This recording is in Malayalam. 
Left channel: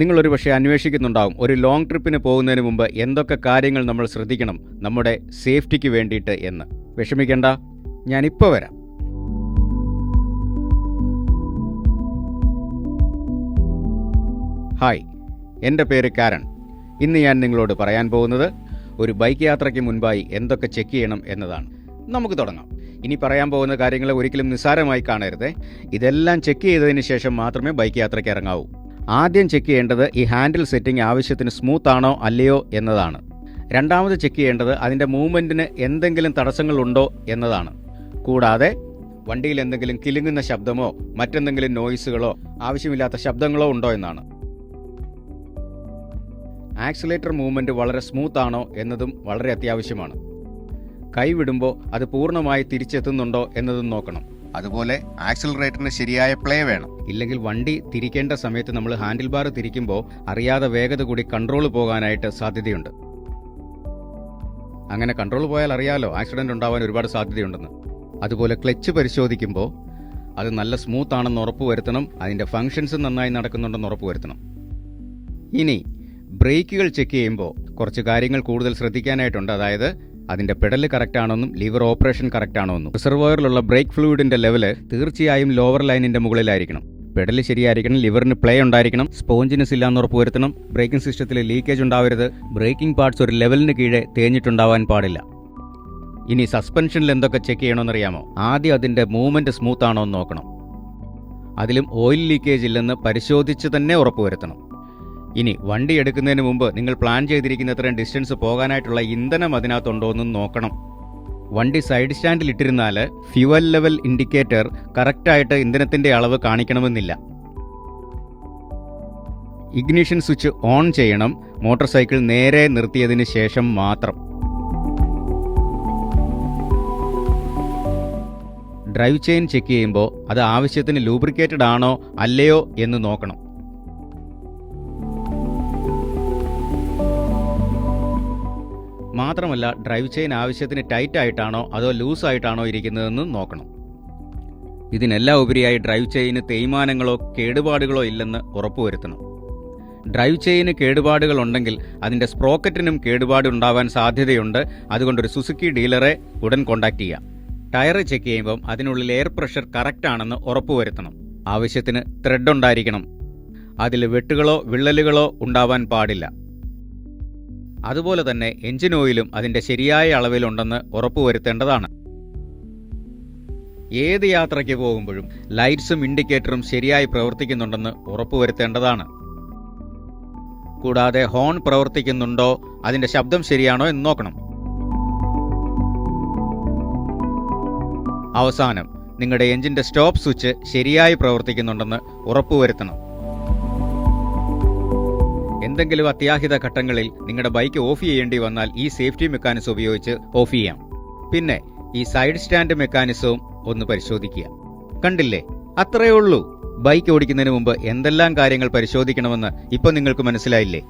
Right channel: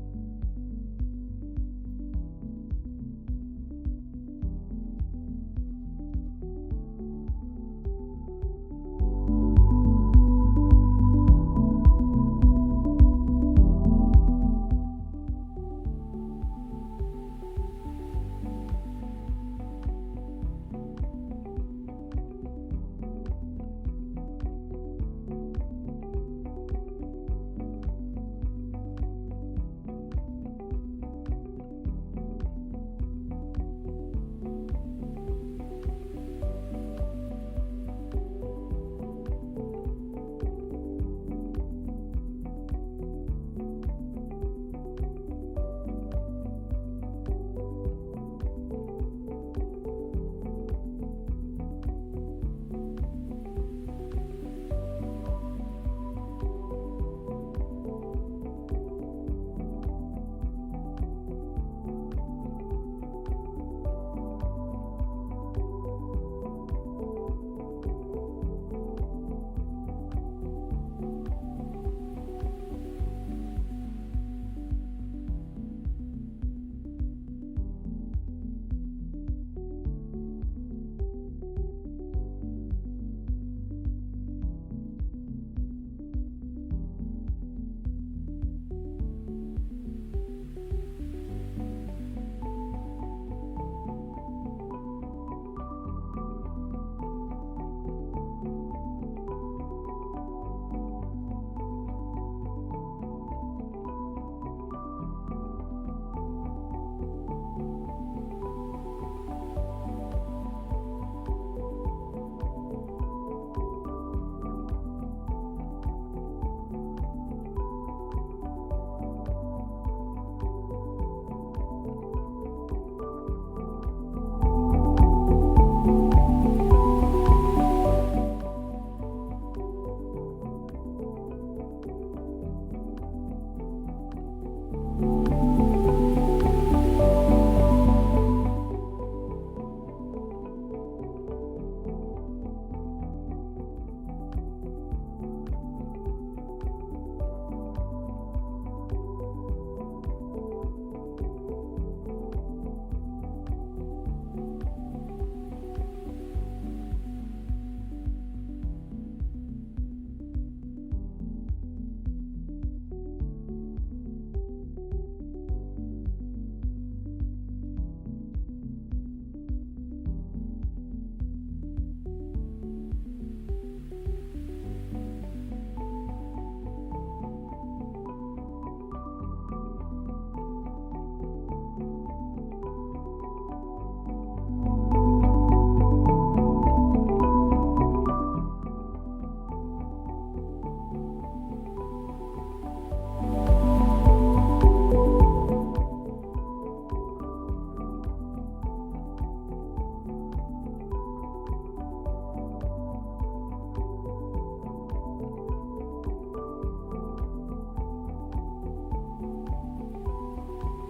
നിങ്ങളൊരു പക്ഷേ അന്വേഷിക്കുന്നുണ്ടാവും, ഒരു ലോങ് ട്രിപ്പിന് പോകുന്നതിന് മുമ്പ് എന്തൊക്കെ കാര്യങ്ങൾ നമ്മൾ ശ്രദ്ധിക്കണം നമ്മുടെ സേഫ്റ്റിക്ക് വേണ്ടിയിട്ട് എന്ന്. വിഷമിക്കേണ്ട, ഞാനിപ്പോൾ വരാം. ഹായ്, എൻ്റെ പേര് കാരൺ. ഇന്ന് ഞാൻ നിങ്ങളോട് പറയാൻ പോകുന്നത് ഒരു ബൈക്ക് യാത്രയ്ക്ക് മുൻപായി എന്തൊക്കെ ചെക്ക് ചെയ്യണം എന്നതാണ്. നമുക്ക് തുടങ്ങാം. ഇനി പറയാൻ പോകുന്ന കാര്യങ്ങളെ ഒരിക്കലും നിസ്സാരമായി കാണരുത്. ഇതെല്ലാം ചെക്ക് ചെയ്തതിന് ശേഷം മാത്രമേ ബൈക്ക് യാത്രയ്ക്ക് ഇറങ്ങാവൂ. ആദ്യം ചെക്ക് ചെയ്യേണ്ടത് ഈ ഹാൻഡിൽ സെറ്റിംഗ് ആവശ്യത്തിന് സ്മൂത്ത് ആണോ അല്ലയോ എന്നതാണ്. രണ്ടാമത് ചെക്ക് ചെയ്യേണ്ടത് അതിൻ്റെ മൂവ്മെൻറ്റിന് എന്തെങ്കിലും തടസ്സങ്ങളുണ്ടോ എന്നതാണ്. കൂടാതെ വണ്ടിയിൽ എന്തെങ്കിലും കിലുങ്ങുന്ന ശബ്ദമോ മറ്റെന്തെങ്കിലും നോയ്സുകളോ ആവശ്യമില്ലാത്ത ശബ്ദങ്ങളോ ഉണ്ടോ എന്നാണ്. ആക്സിലേറ്റർ മൂവ്മെൻറ്റ് വളരെ സ്മൂത്ത് ആണോ എന്നതും വളരെ അത്യാവശ്യമാണ്. കൈവിടുമ്പോൾ അത് പൂർണ്ണമായി തിരിച്ചെത്തുന്നുണ്ടോ എന്നതും നോക്കണം. അതുപോലെ ആക്സിലറേറ്ററിന് ശരിയായ പ്ലേ വേണം. ഇല്ലെങ്കിൽ വണ്ടി തിരിക്കേണ്ട സമയത്ത് നമ്മൾ ഹാൻഡിൽ ബാർ തിരിക്കുമ്പോൾ അറിയാതെ വേഗത കൂടി കൺട്രോൾ പോകാനായിട്ട് സാധ്യതയുണ്ട്. അങ്ങനെ കൺട്രോൾ പോയാൽ അറിയാലോ, ആക്സിഡന്റ് ഉണ്ടാവാൻ ഒരുപാട് സാധ്യതയുണ്ടെന്ന്. അതുപോലെ ക്ലച്ച് പരിശോധിക്കുമ്പോൾ അത് നല്ല സ്മൂത്ത് ആണെന്ന് ഉറപ്പുവരുത്തണം. അതിൻ്റെ ഫങ്ഷൻസ് നന്നായി നടക്കുന്നുണ്ടെന്ന് ഉറപ്പുവരുത്തണം. ഇനി ബ്രേക്കുകൾ ചെക്ക് ചെയ്യുമ്പോൾ കുറച്ച് കാര്യങ്ങൾ കൂടുതൽ ശ്രദ്ധിക്കാനായിട്ടുണ്ട്. അതായത് അതിൻ്റെ പെഡല് കറക്റ്റ് ആണോന്നും ലിവർ ഓപ്പറേഷൻ കറക്റ്റ് ആണോന്നും. റിസർവോയറിലുള്ള ബ്രേക്ക് ഫ്ലൂയിഡിൻ്റെ ലെവല് തീർച്ചയായും ലോവർ ലൈനിൻ്റെ മുകളിലായിരിക്കണം. പെഡല് ശരിയായിരിക്കണം, ലിവറിന് പ്ലേ ഉണ്ടായിരിക്കണം, സ്പോഞ്ചിനെസ് ഇല്ലാന്ന് ഉറപ്പുവരുത്തണം, ബ്രേക്കിംഗ് സിസ്റ്റത്തിൽ ലീക്കേജ് ഉണ്ടാവരുത്, ബ്രേക്കിംഗ് പാർട്സ് ഒരു ലെവലിന് കീഴെ തേഞ്ഞിട്ടുണ്ടാവാൻ പാടില്ല. ഇനി സസ്പെൻഷനിൽ എന്തൊക്കെ ചെക്ക് ചെയ്യണമെന്നറിയാമോ? ആദ്യം അതിൻ്റെ മൂവ്മെൻറ്റ് സ്മൂത്ത് ആണോ എന്ന് നോക്കണം. അതിലും ഓയിൽ ലീക്കേജ് ഇല്ലെന്ന് പരിശോധിച്ച് തന്നെ ഉറപ്പുവരുത്തണം. ഇനി വണ്ടി എടുക്കുന്നതിന് മുമ്പ് നിങ്ങൾ പ്ലാൻ ചെയ്തിരിക്കുന്നത്രയും ഡിസ്റ്റൻസ് പോകാനായിട്ടുള്ള ഇന്ധനം അതിനകത്തുണ്ടോ എന്നും നോക്കണം. വണ്ടി സൈഡ് സ്റ്റാൻഡിൽ ഇട്ടിരുന്നാൽ ഫ്യൂവൽ ലെവൽ ഇൻഡിക്കേറ്റർ കറക്റ്റായിട്ട് ഇന്ധനത്തിൻ്റെ അളവ് കാണിക്കണമെന്നില്ല. ഇഗ്നിഷൻ സ്വിച്ച് ഓൺ ചെയ്യണം, മോട്ടോർ സൈക്കിൾ നേരെ നിർത്തിയതിന് ശേഷം മാത്രം. ഡ്രൈവ് ചെയിൻ ചെക്ക് ചെയ്യുമ്പോൾ അത് ആവശ്യത്തിന് ലൂബ്രിക്കേറ്റഡ് ആണോ അല്ലയോ എന്ന് നോക്കണം. മാത്രമല്ല ഡ്രൈവ് ചെയിൻ ആവശ്യത്തിന് ടൈറ്റ് ആയിട്ടാണോ അതോ ലൂസ് ആയിട്ടാണോ ഇരിക്കുന്നതെന്ന് നോക്കണം. ഇതിനെല്ലാം ഉപരിയായി ഡ്രൈവ് ചെയിന് തേയ്മാനങ്ങളോ കേടുപാടുകളോ ഇല്ലെന്ന് ഉറപ്പുവരുത്തണം. ഡ്രൈവ് ചെയിന് കേടുപാടുകൾ ഉണ്ടെങ്കിൽ അതിൻ്റെ സ്പ്രോക്കറ്റിനും കേടുപാട് ഉണ്ടാവാൻ സാധ്യതയുണ്ട്. അതുകൊണ്ടൊരു സുസുക്കി ഡീലറെ ഉടൻ കോൺടാക്ട് ചെയ്യാം. ടയർ ചെക്ക് ചെയ്യുമ്പം അതിനുള്ളിൽ എയർ പ്രഷർ കറക്റ്റ് ആണെന്ന് ഉറപ്പുവരുത്തണം. ആവശ്യത്തിന് ത്രെഡ് ഉണ്ടായിരിക്കണം. അതിൽ വെട്ടുകളോ വിള്ളലുകളോ ഉണ്ടാവാൻ പാടില്ല. അതുപോലെ തന്നെ എഞ്ചിൻ ഓയിലും അതിൻ്റെ ശരിയായ അളവിലുണ്ടെന്ന് ഉറപ്പുവരുത്തേണ്ടതാണ്. ഏത് യാത്രയ്ക്ക് പോകുമ്പോഴും ലൈറ്റ്സും ഇൻഡിക്കേറ്ററും ശരിയായി പ്രവർത്തിക്കുന്നുണ്ടെന്ന് ഉറപ്പുവരുത്തേണ്ടതാണ്. കൂടാതെ ഹോൺ പ്രവർത്തിക്കുന്നുണ്ടോ, അതിൻ്റെ ശബ്ദം ശരിയാണോ എന്ന് നോക്കണം. അവസാനം നിങ്ങളുടെ എഞ്ചിൻ്റെ സ്റ്റോപ്പ് സ്വിച്ച് ശരിയായി പ്രവർത്തിക്കുന്നുണ്ടെന്ന് ഉറപ്പുവരുത്തണം. എന്തെങ്കിലും അത്യാഹിത ഘട്ടങ്ങളിൽ നിങ്ങളുടെ ബൈക്ക് ഓഫ് ചെയ്യേണ്ടി വന്നാൽ ഈ സേഫ്റ്റി മെക്കാനിസം ഉപയോഗിച്ച് ഓഫ് ചെയ്യാം. പിന്നെ ഈ സൈഡ് സ്റ്റാൻഡ് മെക്കാനിസവും ഒന്ന് പരിശോധിക്കുക. കണ്ടില്ലേ, അത്രയേ ഉള്ളൂ. ബൈക്ക് ഓടിക്കുന്നതിന് മുമ്പ് എന്തെല്ലാം കാര്യങ്ങൾ പരിശോധിക്കണമെന്ന് ഇപ്പം നിങ്ങൾക്ക് മനസ്സിലായില്ലേ?